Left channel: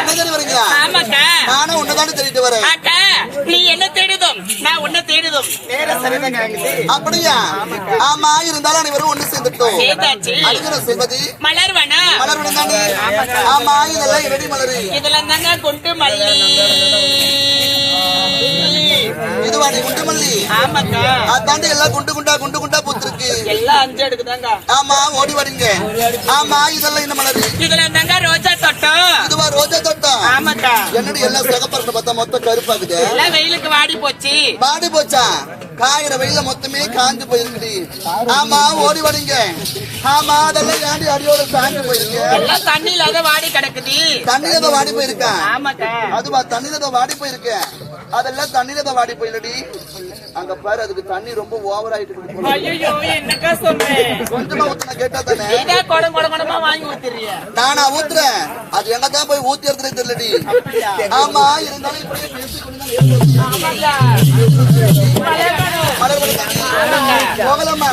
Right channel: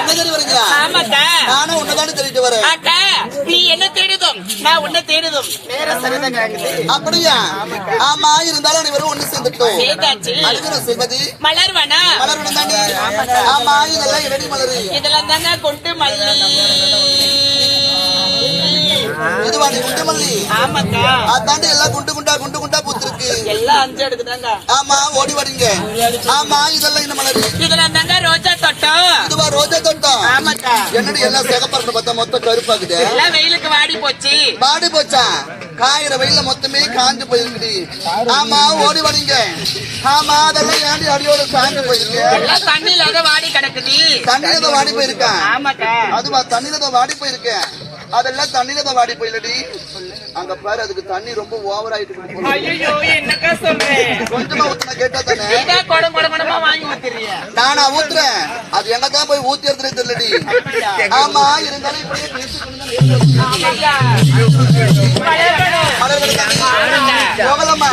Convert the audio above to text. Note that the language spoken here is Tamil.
என்ன தேடி வரீங்களா? நானும் உன்னதானே தேடிட்டு வரேன். நீ என்ன தேடுதும் நான் உன்னை தேடுதும் வேற சரிதான். அப்படியா? ஆமா, இருந்தாலும் அனைவரும் ஒண்ணு சேர்ந்துட்டோம். அழுகிறோம் செல்வதி. மலர்வனா மலர்வனம் தானே? ஆமா, இதெல்லாம் இரடி மலரு. இதெல்லாம் தானே கொண்டு மல்லி. இதுவா நீ குண்டு மல்லி? ஆமாக்கா. அதாண்டி எல்லாம் குண்டு குண்டா பூத்திருக்கு. எல்லாம் 5 எடுக்குதாங்க. ஆமா, ஓடி வரீங்க. ஆமா, இதெல்லாம் இந்த மலரு. இதெல்லாம் தாங்க ரோஜா தோட்டம். இதுவா ரோஜா தோட்டம்? ஆமாக்கா. என்னடி எல்லாம் சிகப்பறத பார்த்தா மொத்தம் கருப்பாக்குது. எல்லாம் வெயிலுக்கு வாடி போச்சு. வாடி போச்சா? காயிற வெயில மொத்தமே காஞ்சு போயிருக்குடி. ஆமா, ஓடி வரீங்க. ஆமா, அதெல்லாம் ஏண்டி அடியோட சாஞ்சு போயிருங்க. எல்லாம் தண்ணியில அதை வாடி கிடக்குது. தண்ணியில தான் வாடி போயிருக்கா? ஆமாக்கா. அதுவா தண்ணியில தான் வாடி போயிருக்க? அதெல்லாம் தண்ணியில தான் வாடி போயிலடி. அங்க பாரு, அதுக்கு தண்ணி ரொம்ப ஓவர் ஆயிட்டு. ஐயோ, என்னக்கா சொல்றேன்? கொஞ்சமா ஊத்துனா கேட்டா தானே? குடமா வாங்கி ஊத்துறீங்க. நானா ஊத்துறேன்? அது எங்க தான் போய் ஊத்தி எடுத்துட்டு தெரியலடி. ஆமா, இருந்தாலும் இப்படியே பேசிக்கொண்டு போகலாமா?